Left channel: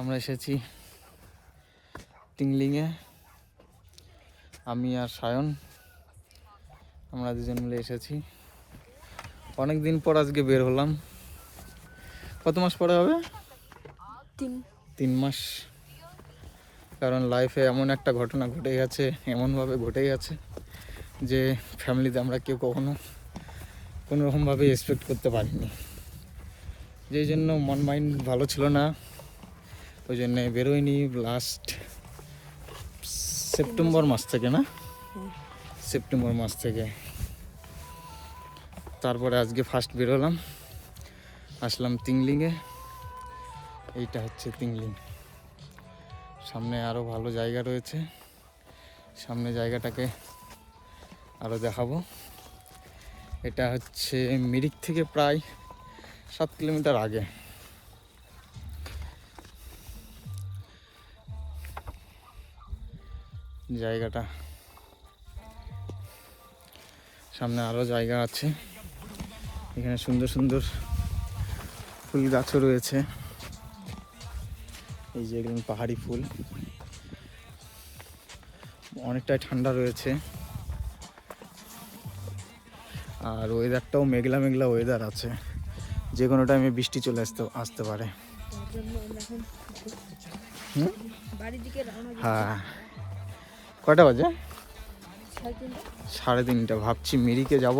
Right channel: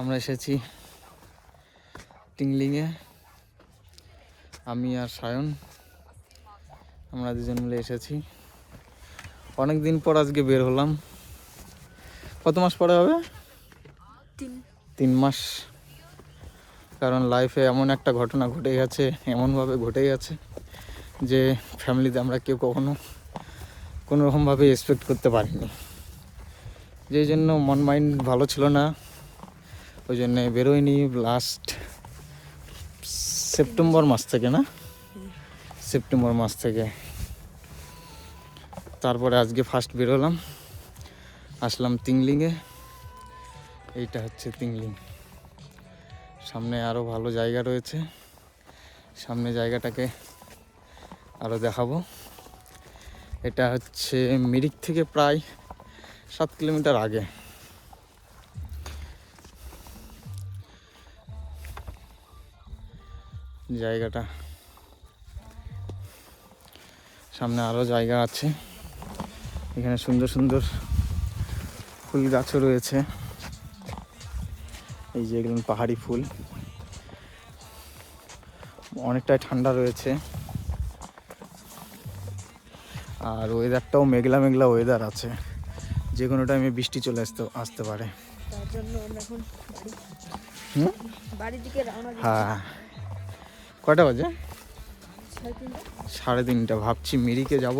আমরা এসেছি টিংলিংয়ে, আমি আর সায়ন, আমরা দুজন মিলে এসেছি। অনেক দিন পর আজকে বের হলাম। কত মাস পরে হবে? 3 মাস। কারণ লাইফে এমন একটা ঘটনা ঘটে গেছে, এমনভাবে ঘটে গেছে যে ফ্যামিলিতে আমরা কেউ কখনো কোনোরকমভাবে এক্সপেক্ট করতে পারিনি। যেই জন্য মন মাইন্ড ভালো ছিল না, ওই জন্যে বেরোয়নি। লাস্ট সেপ্টেম্বর মাস থেকে, না সেপ্টেম্বর মাস থেকে। তারপরে আজকে ফার্স্ট বেরোলাম, আসলাম তিংলিংয়ে। এইটা হচ্ছে তিংলিং। সামনে আরও ভালো জায়গা রয়েছে, সামনে জায়গাটাকে আরও দেখাবো। এটা হচ্ছে মিরিক থেকে প্রায় 7 কিলোমিটার আগে। জায়গাটা সামনে আরও জায়গা আছে, এখানে সুন্দর সুন্দর ফুল গাছও রয়েছে। এই যে এগুলো পাহাড়ি ফুল, অনেকটাই ঠান্ডা রয়েছে। আর ওয়েদারটাও মেঘলা মেঘলা ওয়েদার আছে, যে কোনো টাইমে বৃষ্টি চলে আসতে পারে। হ্যাঁ, কয়টা বাজে? 3:30। ভাবছি মিরিকে যাব,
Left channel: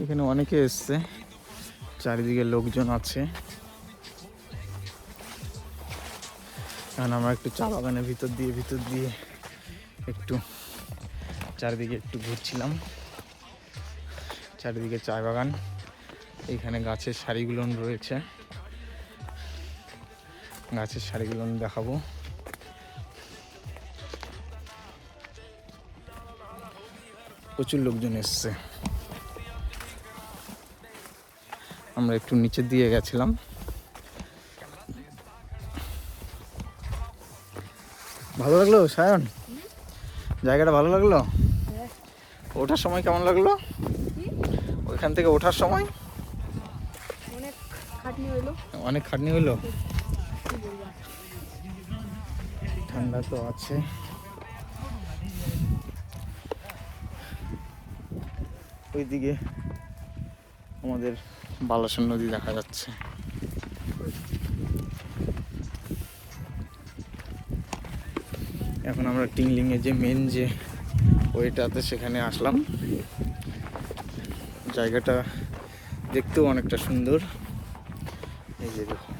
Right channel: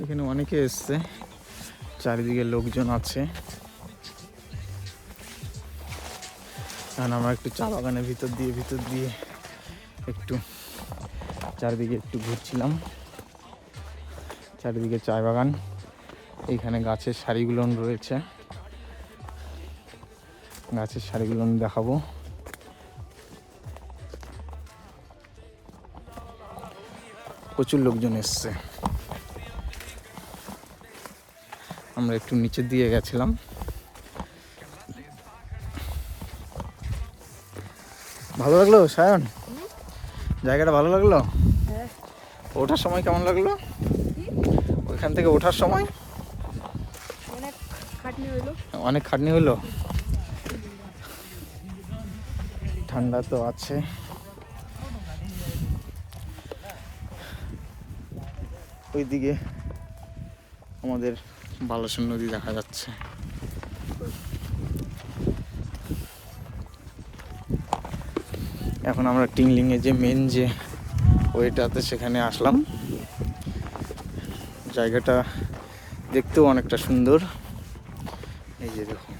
এখানে অনেকে এসছে, চারিদিকে লোকজন আছে। কারণ আমরা একটু চা বাগানের ভিতর দিয়ে একটু চারিদিকে একটু ঘুরছিলাম। চারিদিকে চা বাগান, এইখানে গাছের সারিগুলো রয়েছে, গাছের সারিগুলো দেখাবো। প্রচুর লোকজন এসছে। আমরা একটু নিচের দিয়ে গেছিলাম। ভালো লাগলো সায়ন? জায়গাটা ভালো লাগলো? ওঠার সময় কেমন লাগলো? ওইখান থেকে ওঠার সময় অনেক খাটনি হলো। ঠান্ডা তো আছে। ওইদিকে আমাদের বালাসন নদী দেখা যাচ্ছে। এখন আমরা টিংলিংয়ে যে মেন যে ওইটাতে সেখানে আসলাম। জায়গাটা দেখতেও অনেকটা সুন্দর। এই যে দেখুন,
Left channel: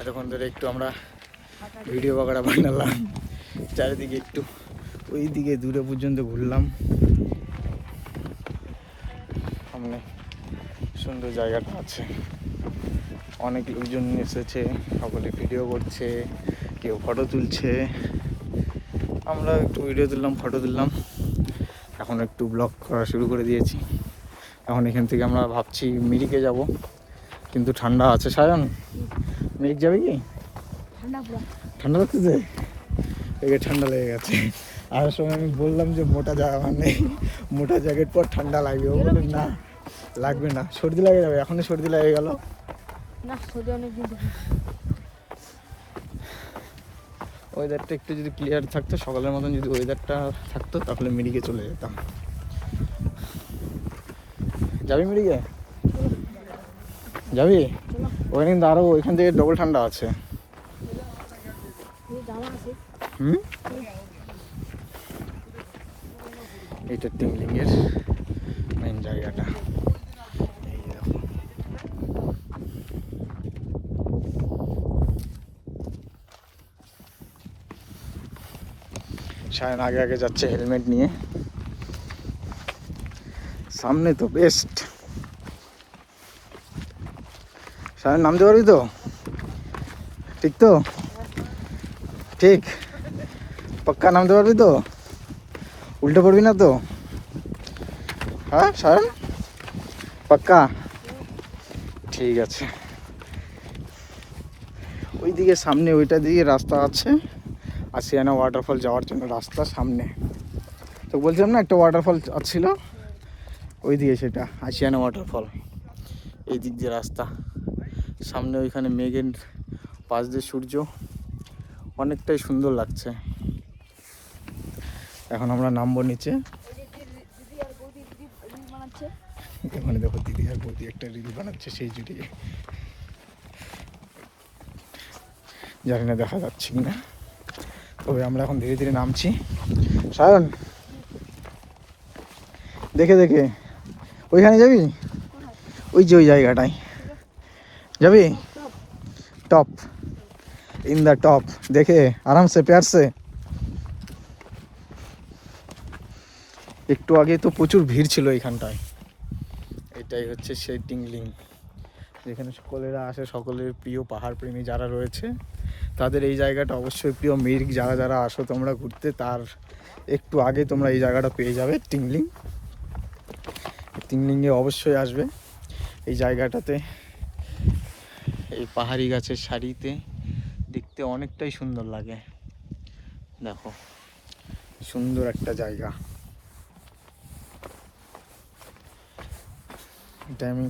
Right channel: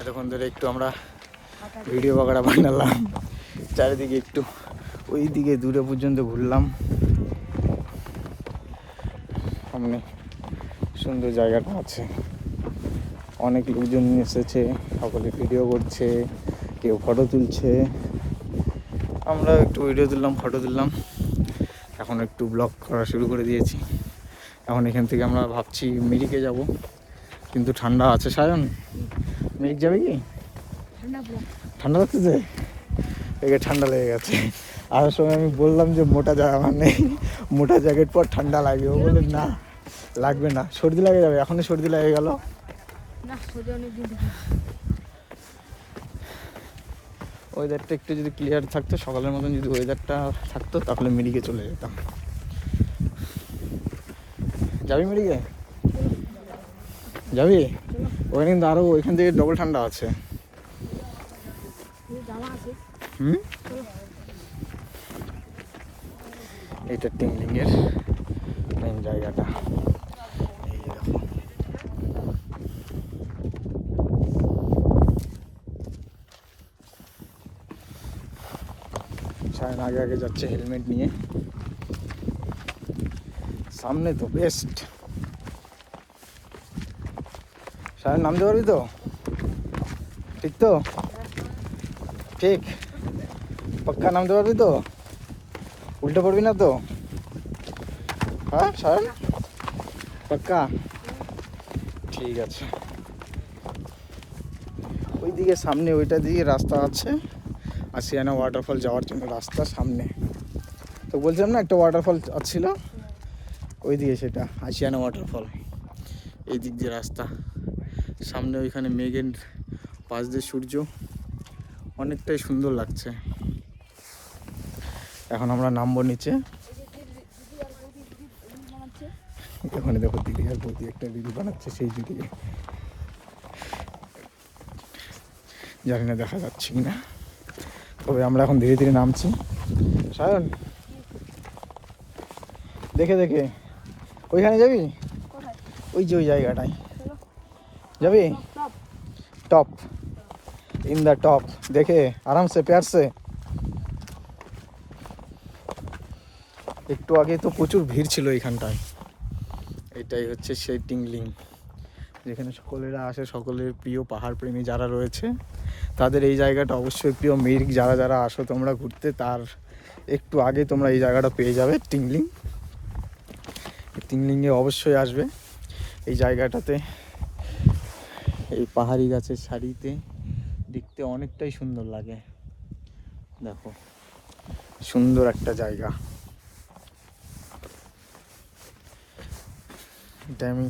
এতক্ষণ ধরে একটু আমরা ভিডিও বাগাড়া বানালাম, চারিদিকে একটু ওই দিকে দূরে পর্যন্ত ঘুরলাম। সামনে সুন্দর জায়গাটা আছে, অনেক লোকজন এসেছে, সকলে ভিডিও করছে, কেউ ফটো তুলছে। আমরা একটু ভিডিও তুললাম, ফটো তুললাম। এখন একটু ব্লগ করা শুরু করে দিয়েছি। এখন এখান থেকে আমরা ভাবছি মিরিকে যাব, কিন্তু ঠান্ডা আছে। সায়ন, মিরিক যাবে কি? ঠান্ডা লাগতেছে, এবার ঠান্ডা লেগে গেছে। আর সময় আমি বললাম যে মোটা জামা নেই, মোটা জ্যাকেট পর ঠান্ডা লাগবে। ও বলে না, লাগবে না, সর্দি লেগে যাবে। এখনই সর্দি লেগে গেল। ওয়েদারটা একটু যদি ক্লিয়ার থাকতো, সকালের মতন যদি ওয়েদারটা থাকতো, তাহলে মিরিকে চলে যেতাম। যাবি মিরিকে? যাবি? ওখানে কিন্তু আরো ওইখান থেকে ডবল ঠান্ডা আছে। এইটা টিংলিংয়ের মেন জায়গাটা। এই যে দেখো, সায়ন আগে আগে যাচ্ছে হেলমেট নিয়ে। সামনে তো বেস্ট। সায়ন নামতে পারবি তো? ঠিক তো? ঠিক পাক্কা নামতে পারবি তো? উল্টো করবি না তো? হ্যাঁ সায়ন, পাক্কা? ঠিক আছে। ওইদিকে সামনে ওইটা দিকে রাস্তা আছে, আশিয়ানা ওয়াটারফল যাওয়ার জন্য রাস্তা সামনে। তো বলছিলাম না একটা ওয়াটারফল ছিল ওই দিকে, সেটা আশিয়ানা ওয়াটারফল। এই দিক দিয়ে রাস্তা, সামনে ওইখানে মেঘের পাশ দিয়ে সূর্য, অনেকটাই সুন্দর লাগছে। এখন আমরা নামবো নিচে। ওখানে দেখো দিদি আর বৌদি একটা রিল বানাচ্ছে সেই জুড়ে, জানি না দেখা যাচ্ছে কিনা, তবে আমরা এখন ধীরে ধীরে নামছি। সায়ন দেখে দেখে, ওইখানে যাবি? ওই যে ওই জায়গাটায় যাবি? টপ, ইন দ্য টপ, দেখে আরামসে প্যার সে। একটু আগে তো প্রচুর ভিড় ছিল এইখানটায়। এটাই হচ্ছে সেই টিংলিং, যেখানে সকলেরা আসে, সকলের প্রিয় পাহাড় প্রেমী যারা রয়েছে তাদের এই জায়গাটা অবশ্যই প্রিয়। মিরিক যারা যারা আসো তোমরা ঘুরতে, তার একটু আগে তোমরা এই জায়গাটা পেয়ে যাবে, টিংলিং। টিংলিংয়ে অবশ্যই আসবে। এই জায়গাটাতে এই পাহাড়ি গাছের সারিতে দেখতে অনেকটাই সুন্দর লাগে। দেখো সুন্দর একটা জায়গা। এটা আমি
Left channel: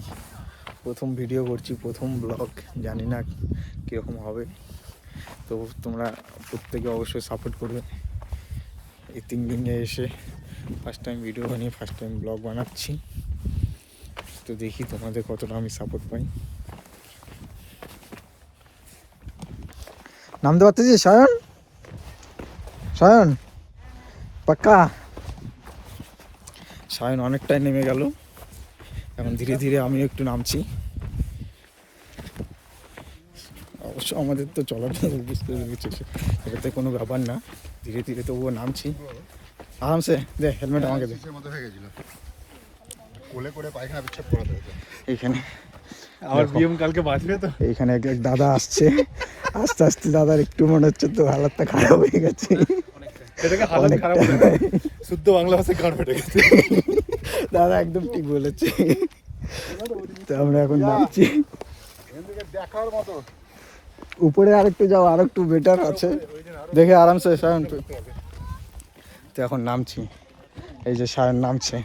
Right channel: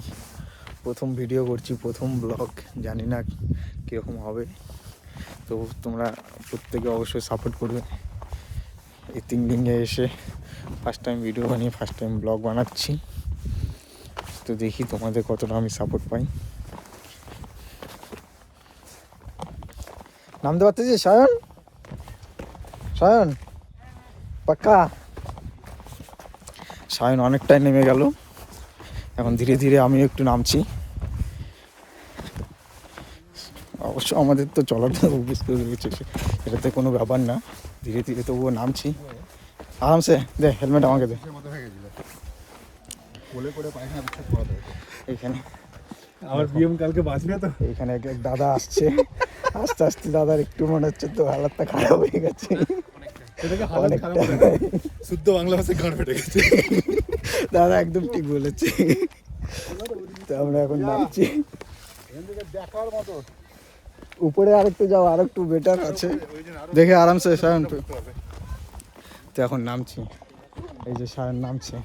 প্রথম ভিডিও করছি, প্রথম ব্লগ, জানি না কীরকম হবে, তো তোমরা প্রত্যেকে অবশ্যই সাপোর্ট করবে। এই 3 দিনে এসে ফার্স্ট টাইম ভিডিও বানিয়ে ফার্স্ট টাইম ব্লগ বানাচ্ছি, তো দেখি তোমাদের কতটা আমি সাপোর্ট পাই। নামতে পারতেছিস সায়ন? সায়ন পাক্কা? সায়ন অনেকটাই নেমে গেল, এখন ধীরে ধীরে আমি একটু নামছি। অবশ্য আমাদের তো চলাটা অভ্যস্ত হয়ে গেছে, এটাতে কোনো ব্যাপার না, ধীরে ধীরে তবুও নামছি আরামসে। দে হেলমেট আমাকে দে। কোলে করে পায়খানা পেচ্ছাপ করাতে হতো এইখানে আমার বিএম কালকে বাঁচবে তো। এইখানে এক এক দাদা আসছে, আস্তে আস্তে দাদার একটু মনে হচ্ছে তো হালতটা খারাপ হয়ে গেছে। এটাকে হালত খারাপ বলে না, শুদ্ধ বাংলা ভাষায় গান ফেটে গেছে। দাদা একদম ঠিক বলেছে। তো আমরা এখন নামছি, দেখার মতো। উপরে আরেকটু যাও, আরেকটু বেটার আছে, দেখে আরামসে সায়ন। তো এখন নামছি, এই যে সায়ন নামছে।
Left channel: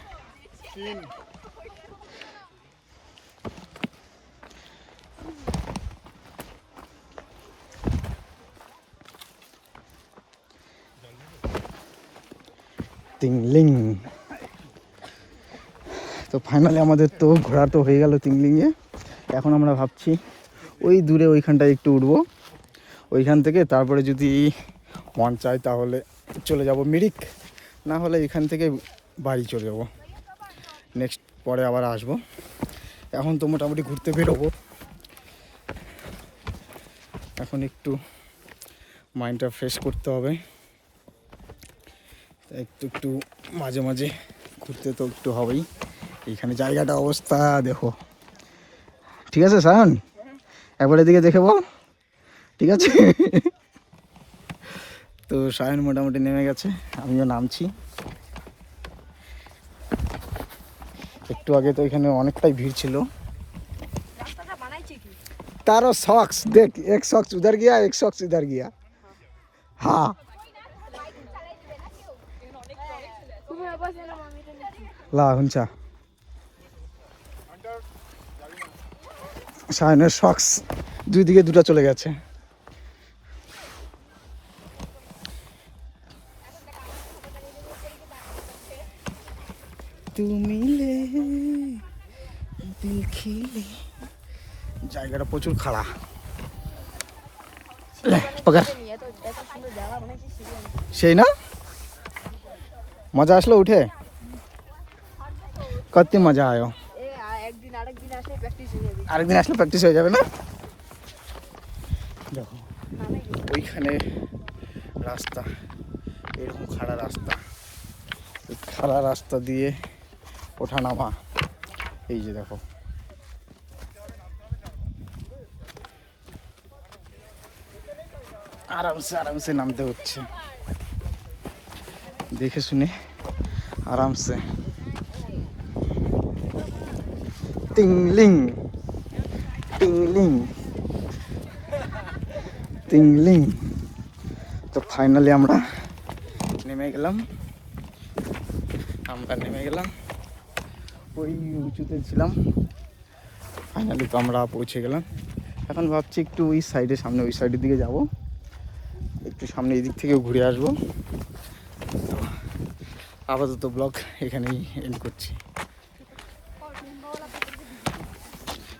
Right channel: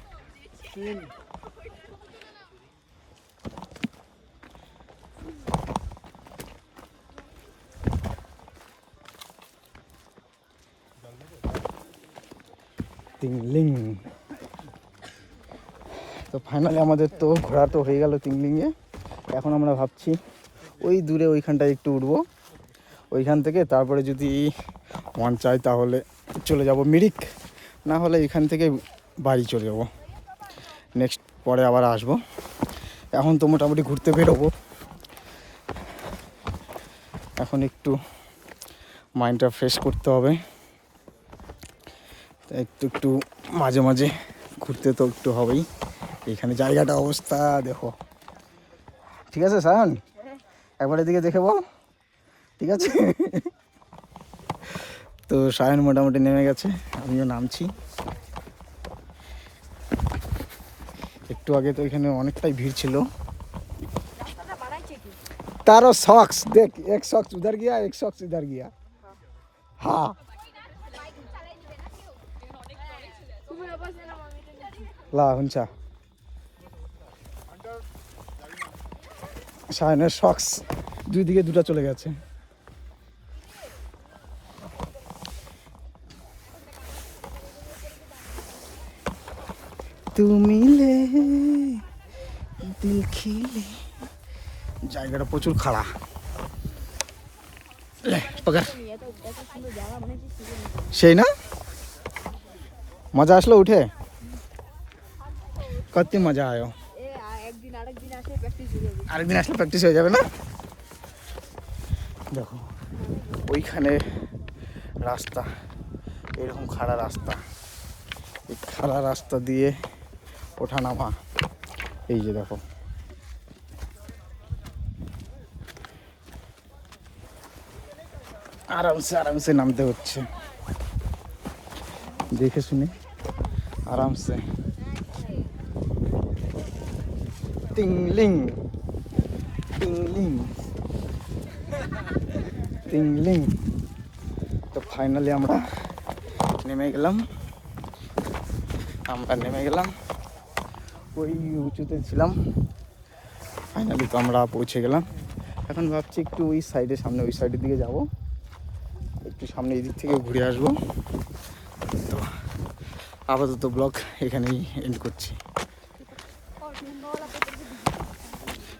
টিংলিং। তো ফাইনালি আমাদের তো ঘোরা তো হয়ে গেল টিংলিংয়ে। এখন আমরা ভাবছি ওই দূরে ওইখানটায় একটু উঠবো, ওইখান থেকে তারপরে যদি মন চায় তাহলে চলে যাব মিরিক, না হলে এখান থেকে বাড়ি চলে যাব, নেক্সট পরে আবার আসবো। এখন তো মোটামুটি ঘুরতে বেরোবো, এখন একটু মাইন্ডটা ফ্রেশ করতে হবে, একটু একটু মাঝে মাঝে ঘুরতে তো একটু হবেই। এখানে জায়গাটা অবস্থা দেখো, ঠিক আছে সায়ন? একবার এদিকে দেখে বল, ঠিক আছে? তো সায়ন মোটামুটি নেমে গেছে, আমিও নামছি। একটু আগে তো এখানে অনেকটাই ভিড় ছিল। तारो सॉक्स देख, एक सॉक्स उधर गया, एक सॉक्स इधर गया। हाँ ला हुंचा শায়নের সক্স দুই দিকে দুটো চলে গেছে। তুমি দেখিলে, জায়গাটা প্রচুর খাড়া। সেই না মজা আসলো উঠে, কত মজা আयो। আরেকদিন আসলে প্র্যাকটিস হয়ে যাবে না? দেখো ওইখানে রাস্তা, এরকম খাড়া রাস্তা, এই খাড়া রাস্তা দিয়ে ওঠা নামা, এই যে দেখো আরামসে আরামসে নামতে হচ্ছে, দেখে শুনে আরামসে। Tingling tingling tingling. তো ফাইনালি আমরা নেমে গেলাম, ওই উঁচুতে ছিলাম, ফাইনালি তো আমরা পৌঁছে গেলাম। এখন ভাবছি একটু ওই সাইডে, সামনে ওই সাইডের দিকে যাব, একটু সামনে এই দিক থেকে ঘুরে আসবো। তো আপাতত ব্লগ এখানেই এন্ড করছি।